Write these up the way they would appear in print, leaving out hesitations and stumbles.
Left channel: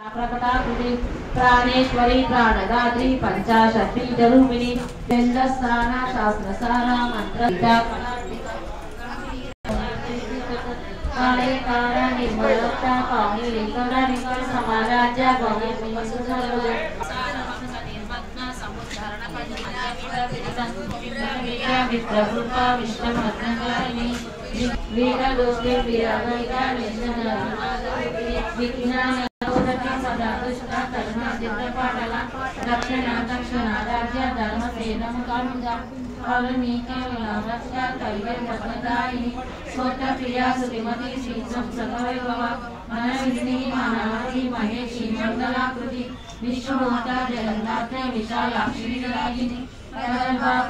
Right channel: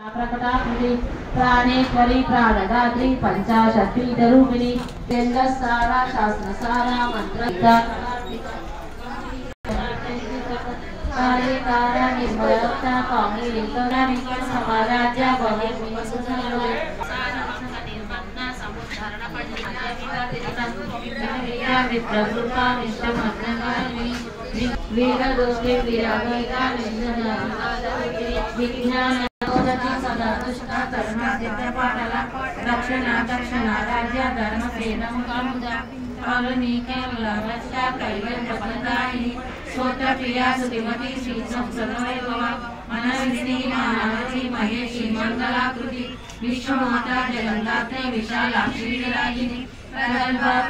प्रकटाकृति प्राणेश्वरी प्राणदात्री पंचाशक्तिरूपिणी वेदसारा शास्त्रसारा मंत्र समाराज्य विप्ररूपा विष्णुमग्नकारिणी वीरगोष्ठी वीरागैका विज्ञान सदा दुष्टा करुणा दिव्यपाटला रक्षणा दक्षिणा राज्य धर्म प्रेरमुखा करुणी केवल रक्षा कैवल्यप्रदायिनी स्तोत्रप्रिया सुतिमती श्री संसदवैभव मनविनी मानवती महेशी मंगलाकृति विश्वमाता जगन्नाथे विशालाक्षी विराजिनी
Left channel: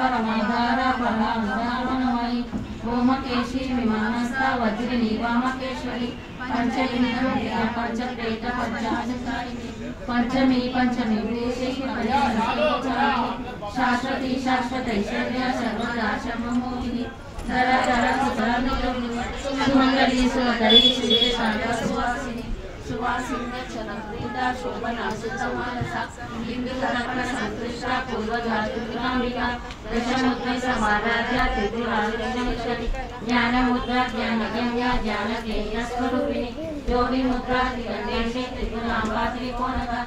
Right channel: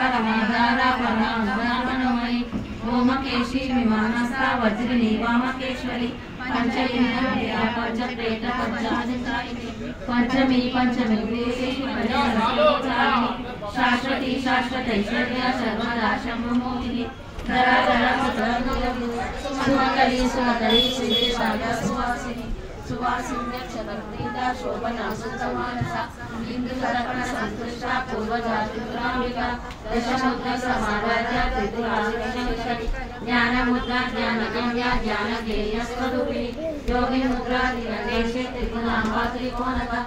परमेधारा परामणमयी ओमकेशी विमानस्था वज्रिनी वामकेश्वरी पंचलिंगप्रिया पंचप्रेत पंचाधिकारिणी पंचमी शाश्वती शाश्वतैश्वर्या सर्वदा शंभुमोहिनी धराधरा सुंदरी सुंदरी सुवासिनी सुवासिनी चलप्रीता शोभना सुसमानसा इंद्रधर्म संतुष्टा पूर्वजातुरांबिका दशमुद्रा समाराध्या त्रिपुरांबिकेश्वरी ज्ञानमुद्रा ज्ञानगम्या ज्ञानगेय स्वरूपिणी योगी मुद्रा दिव्येशे त्रिपुरांबा त्रिकोणका